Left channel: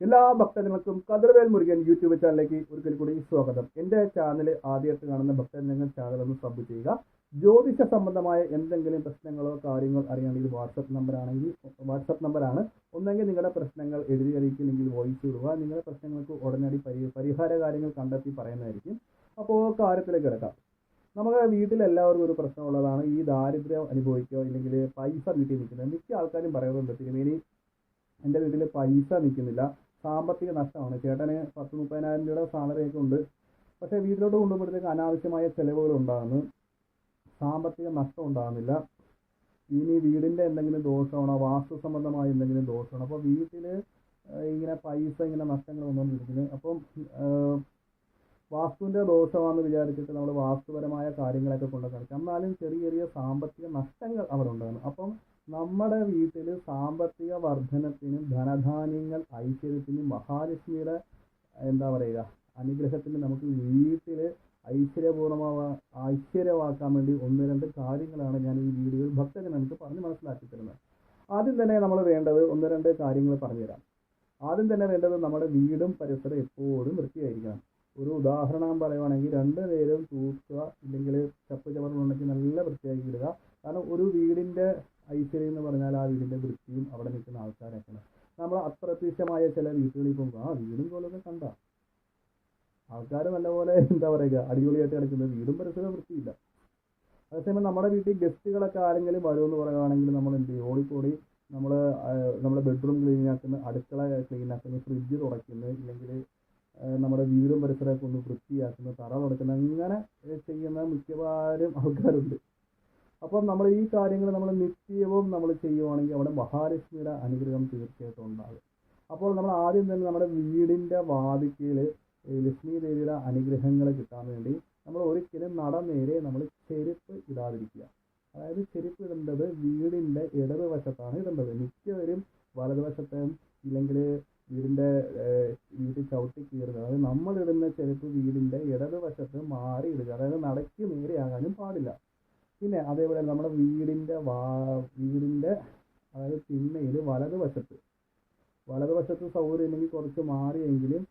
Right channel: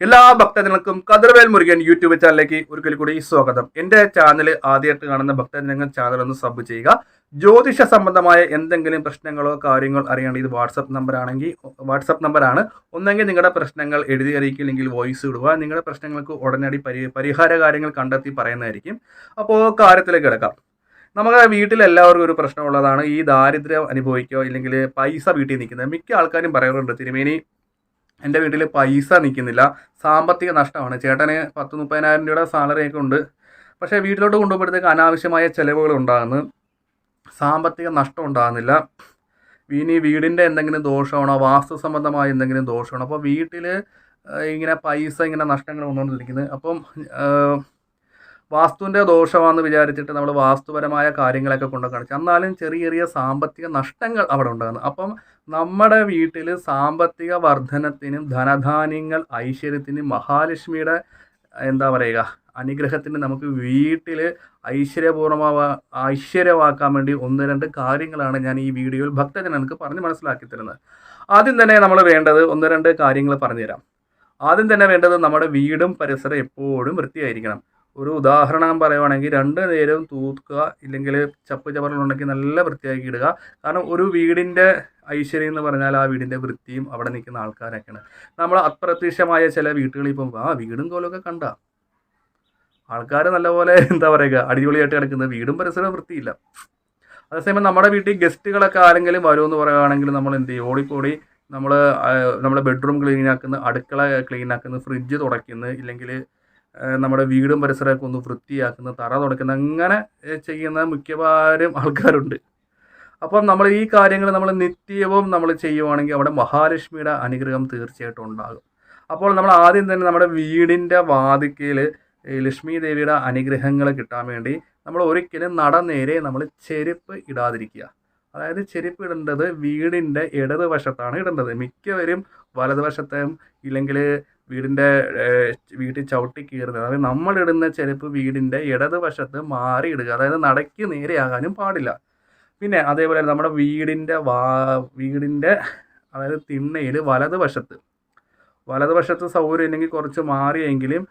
എല്ലാ ഭക്തജനങ്ങൾക്കും കതിർവേൽ മുരുകൻ യൂട്യൂബ് ചാനലിലേക്ക് ഒരിക്കൽ കൂടി സ്വാഗതം. എൻ്റെ ചാനൽ ആദ്യമായിട്ട് കാണുന്ന ഭക്തജനങ്ങൾ ചാനൽ ഒന്ന് സബ് ചെയ്യുക. ജ്യോതിഷ സംബന്ധമായ എന്തെങ്കിലും പ്രശ്നങ്ങളോ കാര്യങ്ങൾ അറിയേണ്ട ഇത് വാട്സപ്പ് നമ്പറാണ്. ഒന്നെങ്കിൽ നിങ്ങളുടെ പ്രശ്നങ്ങൾ എഴുതി അറിയിക്കില്ലെങ്കിൽ വോയിസ് ഇടുക. നിങ്ങളുടെ പ്രശ്നങ്ങൾക്ക് ഉടനടി പരിഹാര കാര്യങ്ങൾ കണ്ടെത്തി പറയുന്നതായിരിക്കും. അപ്പോൾ കാര്യത്തിലേക്ക് കിടക്കാം. നമ്മുടെ വീട്ടിൽ എല്ലാവർക്കും ഒരു പ്രശ്നമുള്ളതാണ് ഈ ദാരിദ്ര്യം അനുഭവിക്കുക, ഇല്ലെങ്കിൽ പൈസ വീട്ടിൽ നിൽക്കുന്നത്. മിക്ക ആൾക്കാരും പറയാറുണ്ട്, തിരുമേനി എൻ്റെ വീട്ടിൽ പൈസ നിൽക്കുന്നില്ല, സാമ്പത്തിക നഷ്ടമാണ്. ചേട്ടന് 10-30,000 രൂപയുടെ സാലറിയൊക്കെ ഉണ്ട്, പക്ഷേ വീട്ടിലോട്ട് കൊണ്ടുപോകുമ്പോഴത്തേക്ക് അനാവശ്യമായ ചിലവുകൾ ഉണ്ടാകുന്നു, സാമ്പത്തിക നഷ്ടം ഉണ്ടാകുന്നില്ല. ഇനി വീടിൻ്റെ എന്തെങ്കിലും ദോഷമാണോ, വാസ്തു സംബന്ധമായ എന്തെങ്കിലും ദോഷമാണോ, അപ്പോൾ വീട്ടിൽ ഇങ്ങനെ പൈസ ഇങ്ങനെ നഷ്ടങ്ങൾ വന്നുകൊണ്ടിരിക്കുന്നത്. അപ്പം വാസ്തുവിൻ്റെ ദോഷമാണെന്ന് വിചാരിച്ചിട്ട് നമ്മൾ വാസ്തുപരമായ കാര്യങ്ങളൊക്കെ കൊണ്ട് കാണിച്ചു, എന്നാലും ചെറിയ ചെറിയ സാമ്പത്തിക നഷ്ടങ്ങൾ അവിടെ ഉണ്ടാകുന്നു. അപ്പം നമ്മുടെ വീട്ടിൽ സാമ്പത്തിക വർധനത്തിനും ധനധാന്യങ്ങൾ ഐശ്വര്യത്തിനും മഹാലക്ഷ്മിയുടെ എന്താ പറയുക അനുഗ്രഹത്തിന് നമുക്ക് വീട്ടിൽ ഐശ്വര്യമാക്കാൻ വേണ്ടി 1-2 കാര്യങ്ങളാണ് ഞാൻ ഈ വീഡിയോയിൽ ഭക്തജനങ്ങൾക്ക് പറഞ്ഞ് മനസ്സിലാക്കി തരുന്നത്. ആദ്യം തന്നെ നമ്മൾ വേണ്ടത് 1-2 കാര്യങ്ങൾ പറഞ്ഞുതരാം. ആദ്യം തന്നെ വേണ്ടത് നമ്മുടെ വീടും പരിസരം എപ്പോഴും വൃത്തിയായിരിക്കണം. ഒരു ഉദാഹരണം പറയുവാണെങ്കിൽ 2 നേരവും തൂക്കുക, ഇല്ലെങ്കിൽ ചപ്പ് ചവറുകളുണ്ടെങ്കിൽ നല്ല വൃത്തിയാക്കി ഇടുക. കാരണം ഒരു വീടിൻ്റെ ഐശ്വര്യം എന്ന് പറഞ്ഞാൽ ആ വീടിൻ്റെ വൃത്തിയും അവിടെ നിൽക്കുന്ന ആൾക്കാരൊക്കെയാണ്. നമ്മൾ അപ്രത്യക്ഷമായ ചില വീട്ടുകളിൽ ഇപ്പം വീടും കോലമൊക്കെ കണ്ട ആൾക്കാർ നല്ലപോലെ എന്താ പറയുക അടിപൊളിയായിട്ട് കിടക്കുന്നത്, വീടും പരിസരവും വൃത്തിയില്ല. അതേസമയം നമ്മുടെ വീട്ടിൽ ഗസ്റ്റുകളൊക്കെ ആരെങ്കിലും വരുമെന്ന് പറയുകയാണെങ്കിൽ നമ്മൾ എന്ത് ചെയ്യും, ഓടിപ്പോടി നമ്മുടെ ബെഡ്റൂം ക്ലീൻ ആക്കുന്നു, അടുക്കള ക്ലീൻ ആക്കുന്നു, ഫ്രിഡ്ജ് തുടയ്ക്കുന്നു, ഇല്ലെങ്കിൽ നമ്മുടെ വീടും പരിസരമൊക്കെ ഒന്ന് വൃത്തിയാക്കുന്ന, തറ തുടയ്ക്കുന്ന, അങ്ങനെ ചെയ്യുന്ന മിക്കവാറും ആൾക്കാരുണ്ട്. അപ്പം നമ്മൾ ഈ കാര്യങ്ങൾ നമ്മൾ നിത്യവും നമ്മൾ ചെയ്യുവാണെങ്കിൽ അവിടെ മഹാലക്ഷ്മിയുടെ അനുഗ്രഹം തീർച്ചയായിട്ടും ഉണ്ടാകും. അപ്പോൾ നമ്മൾ ആദ്യം തന്നെ നമ്മുടെ വീടിൻ്റെ വാതിക്കൽ ലക്ഷ്മി ദേവിയുടെ അനുഗ്രഹങ്ങൾ കിട്ടാൻ വേണ്ടി നമ്മൾ ഒരിക്കലും നേരെ നമ്മൾ ചെരുപ്പ് ഇടാതിരിക്കുക. അതായത് ചെരുപ്പ് ഇടേണ്ടത് വീടിൻ്റെ ഇടതുവശത്താണ് ഇടേണ്ടത്. മിക്കവരും വലതുവശത്തും ഇല്ലെങ്കിൽ വീട്ടിൽ ചവിട്ടി കീറുന്നത്. അതായത് നമ്മളിടുന്ന ചെരുപ്പ് വീടിൻ്റെ ഇടതുവശത്ത് മാറി ഇടുക, അതായത് നടയ്ക്ക് നേരെയാകാനും പാടില്ല. പിന്നെ അതേപോലെ നമ്മുടെ വീടിൻ്റെ അതായത് തിണ്ണയിൽ വലതുവശത്ത് സൗകര്യം ഇല്ലെങ്കിൽ കുറച്ച് മാറിയെങ്കിലും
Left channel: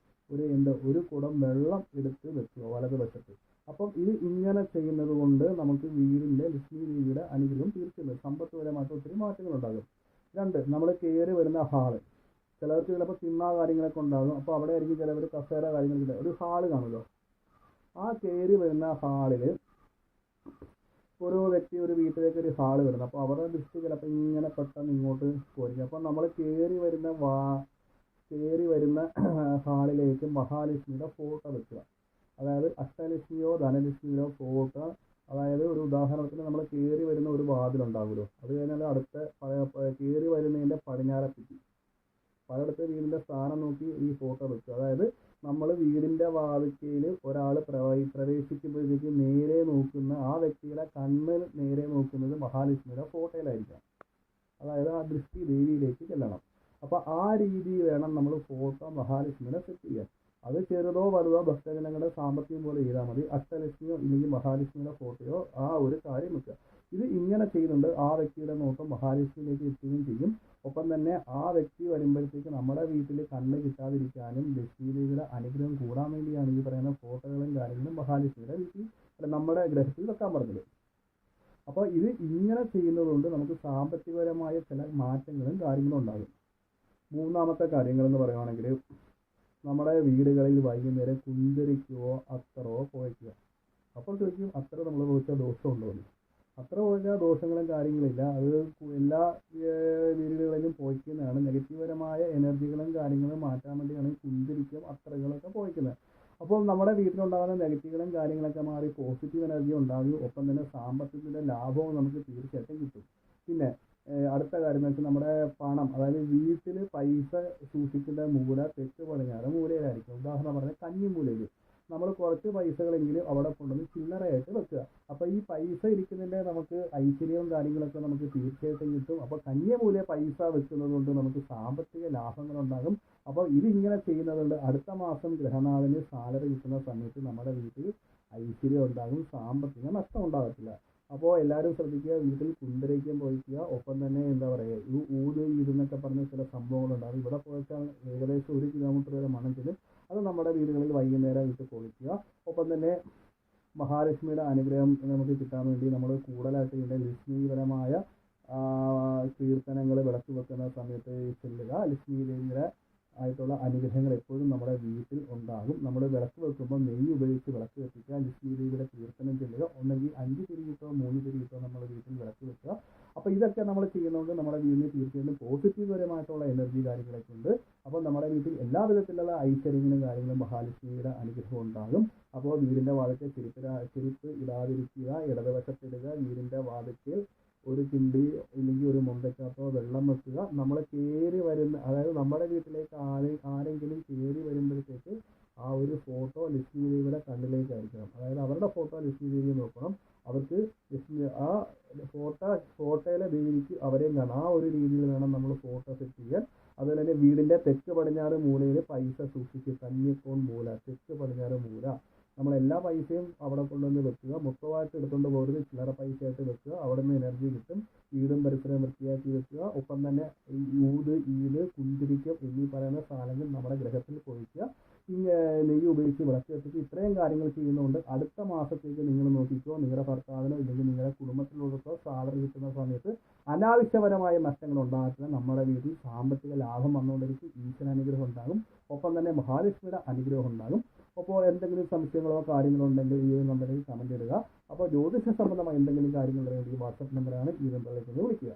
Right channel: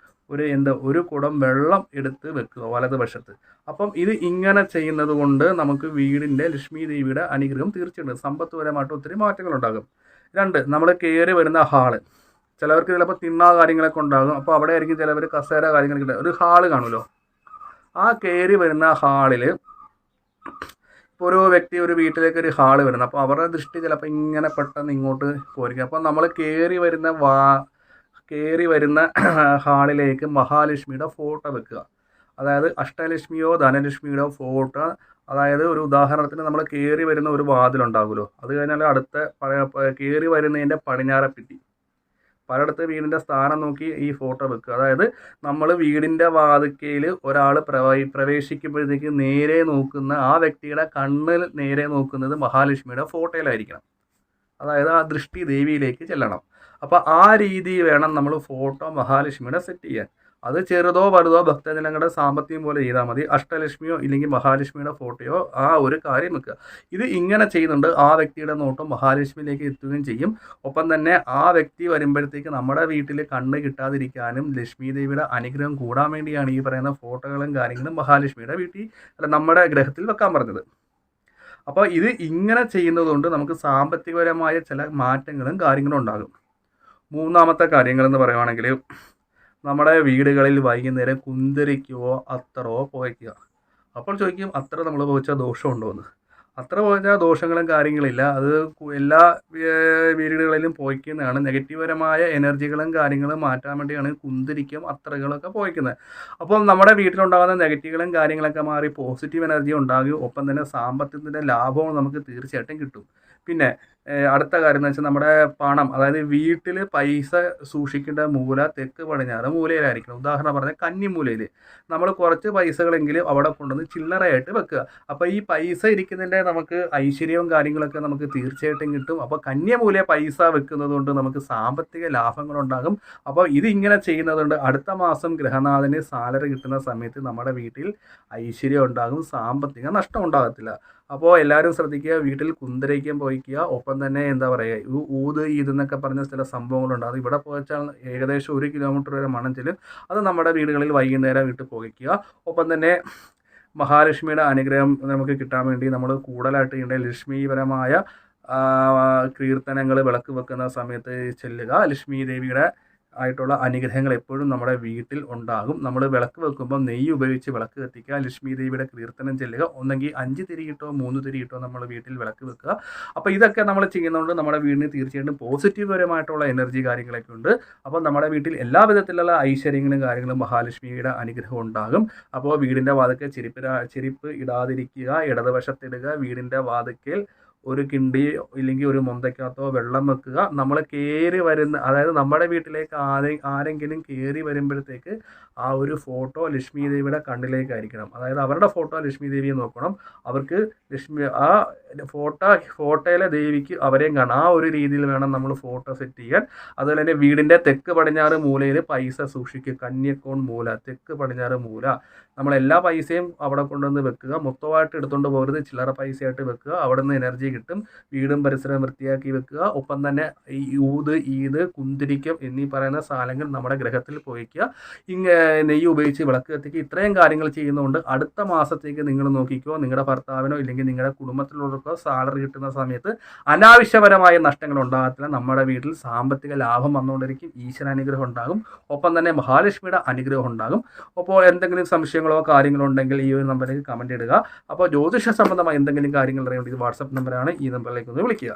ഒരു കുടം വെള്ളം എടുത്ത് വെക്കുക വലതുവശത്ത്. അപ്പം ഇത് ഇങ്ങനെ ചെയ്യുന്നത് കൊണ്ട് നമുക്ക് വീടിൻ്റെ ലക്ഷ്മി ദേവിയുടെ അനുഗ്രഹം തീർച്ചയായിട്ടും സമ്പത്തുപരമായിട്ട് ഒത്തിരി മാറ്റങ്ങളുണ്ടാകും. 2, നമ്മൾ കയറി വരുന്ന ഹാള്. ചിലവർക്ക് ചിലപ്പോൾ തിണ്ണ കാര്യങ്ങളൊക്കെ ഉണ്ടാകും. അപ്പോൾ അവിടെ ആയിരിക്കും ചിലവർ കസേര കാര്യങ്ങളൊക്കെ ഒരു ഹാള് കാണുമല്ലോ. ആ കയറി വരുന്ന ഹാളിൽ ഇപ്പോൾ ഒരു വ്യക്തി ഒരു വീട്ടിലേക്ക് ഒരു ഹാള് വരുന്നത്, അപ്പോൾ അവരുടെ ദൃഷ്ടി ചിലപ്പോൾ ഇങ്ങനെ പെട്ടെന്ന് ഇങ്ങോട്ട് പോയിരിക്കും. അപ്പോൾ നമ്മൾ കയറി വരുന്ന ഹാളിലേക്ക് മഹാലക്ഷ്മിയുടെ ഫോട്ടോ വെക്കുക. അതായത് അഷ്ടലക്ഷ്മിയോ ധനലക്ഷ്മിയോ ഫോട്ടോ. അതായത് ഒരു ഉദാഹരണത്തിന് നമ്മൾ കയറി വരുന്ന ഒരു വാതിലുണ്ടാകുമല്ലോ, അത് കഴിഞ്ഞാൽ അടുത്ത കയറി വരുന്നതിൻ്റെ പടിഞ്ഞാറെപ്പിറ്റി പലയിടത്ത് വീടിൻ്റെ സ്ഥാനം നോക്കി ഈ ഫോട്ടോ വെക്കുക. അതായത് നമ്മൾ വീടിൻ്റെ വാതിക്കയിൽ ഒരാൾ പ്രവേശിക്കുമ്പോഴത്തേക്ക് നേരെ നോക്കുന്ന ആ വ്യക്തിയുടെ കണ്ണിൽ നേരെ നോക്കുന്നത് മഹാലക്ഷ്മിയുടെ ഫോട്ടോയിലായിരിക്കണം. അതായത് ആ ദൃഷ്ടി ദേവിയിലേക്ക് ചെല്ലണം. അപ്പോൾ ആ രീതി വേണം നമ്മൾ ഫോട്ടോ മഹാലക്ഷ്മിയുടെ സെറ്റ് ചെയ്യാൻ. അത് ചെറുതോ വലുതോ ഭക്തജനങ്ങളുടെ സാമ്പത്തികം പോലെ ചെയ്താൽ മതി. അഷ്ടലക്ഷ്മിയോ ഇല്ലെങ്കിൽ മഹാലക്ഷ്മിയുടെ ഫോട്ടോയോ ആ ഒരു കാര്യം വെക്കുക. ഇത് ഇങ്ങനെ ചെയ്യുന്നുണ്ട് ആ വ്യക്തിയുടെ നോട്ടം മഹാലക്ഷ്മിയിലേക്ക് എത്തുകയും ചെയ്യും. ഒപ്പം തന്നെ ആ വ്യക്തി വരുമ്പോഴത്തേക്ക് നമ്മുടെ വീട്ടിൽ കണ്ണ് കിട്ടാതിരിക്കാനും ലക്ഷ്മി ദേവിയുടെ അനുഗ്രഹം കൂടാൻ വേണ്ടിയാണ് ഈ പറയുന്ന ഫോട്ടോകളും കാര്യങ്ങളും മഹാലക്ഷ്മിയുടെ നമ്മുടെ ഗ്രഹത്തിൽ വെക്കാൻ പറഞ്ഞത്. അപ്പോൾ ഇത് ഇങ്ങനെ ചെയ്യുന്നതുകൊണ്ട് നമുക്ക് സാമ്പത്തികപരമായ ചില മാറ്റങ്ങളും കാര്യങ്ങളും ഉണ്ടാകും. 3-ാമത്തെ കാര്യങ്ങളെന്ന് പറയുവാണെങ്കിൽ നമ്മുടെ വീടുകളിൽ വൈകുന്നേരം കുന്തിരിക്കുകയോ അത്തറോ പുകയ്ക്കുക. അപ്പോൾ ചോദിക്കും, അത്തറ നമ്മൾ പുകച്ചാൽ ദോഷമുണ്ടോ എന്ന്. അത്തറ പുകച്ചാൽ ദോഷങ്ങളും കാര്യങ്ങളില്ല. അത് എല്ലാ വീടുകളിലും പുകയ്ക്കുന്നതാണ്. നെഗറ്റീവപരമായ എനർജികളും കാര്യങ്ങളും മാറ്റാൻ വേണ്ടിയാണ് കുന്തിരിക്കും അത്തറകളൊക്കെ പുകയ്ക്കുന്നത്. അപ്പോൾ നമ്മുടെ വീട്ടിലുണ്ടാകുന്ന നെഗറ്റീവുകളും കാര്യങ്ങളൊക്കെ മാറി പോസിറ്റീവ് എനർജി ഉണ്ടാകും. ഒപ്പം തന്നെ സാമ്പത്തികത്തിൻ്റെ ലാഭവും നമുക്ക് തീർച്ചയായിട്ടും കിട്ടും. പിന്നെ അടുത്ത കാര്യം എന്ന് വെച്ചാൽ നമ്മുടെ പണം, അതായത് വീട്ടിൽ പൈസ സൂക്ഷിക്കേണ്ട മൂല തെക്ക് പടിഞ്ഞാറ് മൂലയിലായിരിക്കണം. ഉദാഹരണം പറഞ്ഞാൽ കന്നിമൂലയിൽ നമ്മൾ കുറച്ച് പൈസകളെങ്കിലും അവിടെ കൊണ്ടുവന്ന് ചില്ലറയായിട്ട് വെക്കുക. അപ്പോൾ ഈ പൈസ ഇരിക്കുന്നതിൻ്റെ നമുക്ക് ഐശ്വര്യവും കാര്യങ്ങളൊക്കെ നമുക്ക് തീർച്ചയായിട്ടും കിട്ടും. അപ്പോൾ കന്യമൂല പൈസ വെക്കുന്നത് കൊണ്ട് നമുക്ക് സാമ്പത്തിക ലാഭങ്ങളുണ്ടാകും. അപ്പോൾ ഇത് ഇങ്ങനെ ചെയ്യുന്നതുകൊണ്ട് അടുത്ത മാസം ഗ്രഹനാഥന് സാലറി കിട്ടുന്ന സമയത്ത് നമ്മുടെ വീട്ടിൽ ഐശ്വര്യം ഉണ്ടാകും, സാമ്പത്തിക നഷ്ടം ഉണ്ടാകത്തില്ല. അപ്പോൾ എല്ലാവരും ശ്രദ്ധിക്കുക, വീട്ടിൽ കുന്തിരിക്കം പോയിക്കുക. ഒപ്പം തന്നെ എന്താ പറയുക, ഊത് ഈതെന്നൊക്കെ പറഞ്ഞ ചില സംഭവങ്ങളുണ്ട്. അത് ഇവിടെ പോയിച്ചാൽ ഏകദേശം 1 കിലോമീറ്റർ വരെ മണം ചെല്ലും. അത് നമ്മുടെ വീടുകളിൽ വൈകുന്നേരം ഇട്ട് പുകയ്ക്കുക. ഒപ്പം തന്നെ മഹാലക്ഷ്മിയുടെ അനുഗ്രഹം നമുക്ക് കിട്ടാൻ വേണ്ടി നമ്മൾ കൂടുതലായിട്ട് ചെയ്യേണ്ട ലക്ഷ്മീപരമായ കീർത്തനങ്ങൾ വിളക്ക് വെക്കുന്ന സമയത്ത് ചെല്ലുക. ലക്ഷ്മി ദേവിയുടെ ആയിട്ടുള്ള അനുഗ്രഹങ്ങൾ എപ്പോഴും നമ്മുടെ വീട്ടിൽ ഉണ്ടാകും. നമ്മൾ വിളക്ക് വെക്കുമ്പോൾ നെയ്യ് ഉപയോഗിച്ച് വിളക്ക് കത്തിക്കുക. ലക്ഷ്മി ദേവിയുടെ കീർത്തനം ചെല്ലുക. ഒന്നെങ്കിൽ 5 തിരിയിട്ടോ 3 തിരിയിട്ടോ നമ്മൾ വീട്ടിൽ വിളക്ക് വെക്കുക. അപ്പോൾ ഇതൊക്കെ നമ്മൾ ചെയ്യുന്നതുകൊണ്ട് നമ്മുടെ വീടിന് തീർച്ചയായിട്ടും പോസിറ്റീവ്പരമായിട്ടുള്ള എനർജി കാര്യങ്ങളൊക്കെ ഉണ്ട്. അപ്പോൾ നമ്മുടെ വീട്ടിൽ എല്ലാ വിധത്തിലുള്ള ഐശ്വര്യങ്ങളും കാര്യങ്ങളും മഹാലക്ഷ്മിയുടെ അനുഗ്രഹം ഉണ്ടാകും. അപ്പോൾ വീടിൻ്റെ വാതിൽക്കൽ ചെരുപ്പ് ഇടാതിരിക്കുക, ഇടതുവശത്തിടുക. വീടിൻ്റെ വാതിൽക്കൽ ഒരു കിണ്ടി ഇല്ലെങ്കിൽ ഒരു മൊന്തയ്ക്കകത്തോ വെള്ളം വെക്കുക. നമ്മൾ കയറി വരുന്ന, അതായത് നമ്മുടെ വീട്ടിലേക്ക് ആരെങ്കിലും കയറി വരുമ്പോഴത്തേക്ക് ആ ഒരു ഫോട്ടോ ലക്ഷ്മി ദേവിയുടെ കണ്ണിലേക്കായിരിക്കണം. അതായത് അവരുടെ ഫോട്ടോ ലക്ഷ്മി ദേവിയെ നോക്കണം. അവർക്ക് ആ ഫോട്ടോയിലെ ദേവിക്ക് അവരെയും കാണാം. ആ ഒരു രീതിയിൽ വേണം നമ്മൾ ഫോട്ടോ സെറ്റ് ചെയ്യാൻ. അതുപോലെ തന്നെ വീടിൻ്റെ തെക്ക് പടിഞ്ഞാറ് മൂലയിൽ പൈസ സൂക്ഷിക്കുക. കന്യക്കോൺ മൂല, തെക്ക് പടിഞ്ഞാറ് മൂല. നമ്മളെല്ലാ പൈസയും അവിടെ കൊണ്ടുവന്ന് വെക്കുക. മൊത്തമായിട്ട് എടുത്തുകൊണ്ട് പോകരുത്, ചില്ലറ പൈസയായിട്ട് വെക്കുക. അവിടെ നിന്ന് എനർജി കിട്ടും. വീടും പരിസരവും വൃത്തിയാക്കി വെക്കുക. ഒപ്പം തന്നെ ഈ ഊത്, ഈദ്, കുന്തിരിക്കം എന്നീ പറയുന്ന സാധനങ്ങൾ നമ്മുടെ ഗ്രഹത്തിൽ പോയിക്കുക. നെയ്യ് ഉപയോഗിച്ച് വിളക്ക് കത്തിക്കുക. ഇത്രയും കാര്യങ്ങൾ ചെയ്യുന്നതുകൊണ്ട് അടുത്ത മാസത്തേക്ക് നിങ്ങൾ നോക്കിക്കോ, നിങ്ങളുടെ ഭർത്താവിനോ ഇല്ലെങ്കിൽ നിങ്ങളുടെ കുടുംബത്തിലുള്ളവർക്കോ സാലറി കിട്ടുന്ന സമയത്ത് അനാവശ്യപരമായ നഷ്ടങ്ങൾ ഉണ്ടാകത്തില്ല. നമ്മുടെ വീട്ടിൽ സാമ്പത്തിക ലാഭം വന്നുകൊണ്ടിരിക്കും. ഈശ്വരാനുഗ്രഹം ഉണ്ടാകും. ഒപ്പം തന്നെ മഹാലക്ഷ്മിയുടെ അനുഗ്രഹം ഉണ്ടാകും. അപ്പോൾ എന്തെങ്കിലും സംശയങ്ങളോ കാര്യങ്ങളോ ഉണ്ടെങ്കിൽ ഈ ഒരു നമ്പറിലേക്ക് കമൻറ്റ് ഇടുക. അപ്പോൾ ജ്യോതിഷ സംബന്ധമായ എന്തെങ്കിലും കാര്യങ്ങൾ അറിയേണ്ടത് വാട്സപ്പ് നമ്പറാണ്. ഈ നമ്പറിലേക്ക് ഒന്ന് വിളിക്കുക.